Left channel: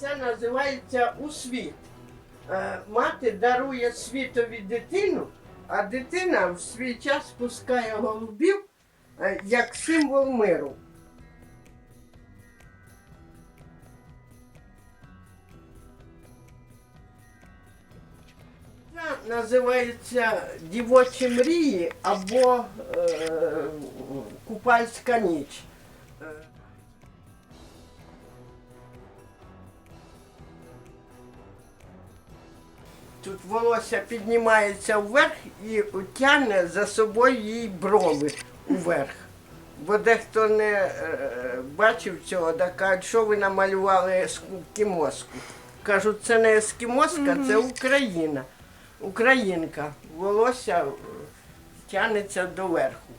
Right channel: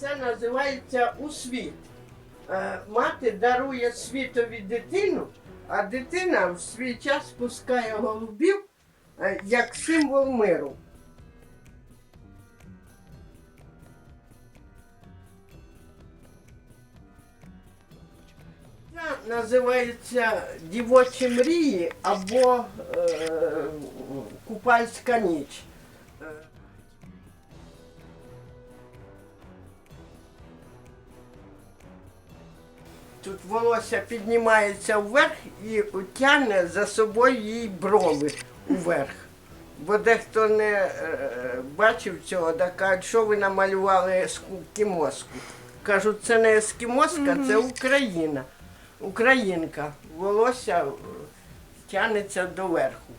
Це називається усвіт. Е, Мати дарує світові дитину, а дитина в свій час пускає голубів е, як символ миру. Це називається дівочі мрії або е, купальська ніч. Тут волосся піднімається вверх і тягне за собою її брови вверх. Бо дехто не е, бачив цього, так кажуть, що ви намалювали ескімоску. Кажуть, це не ескімоска, це Україна. Українка. Волосся тягнеться доверху.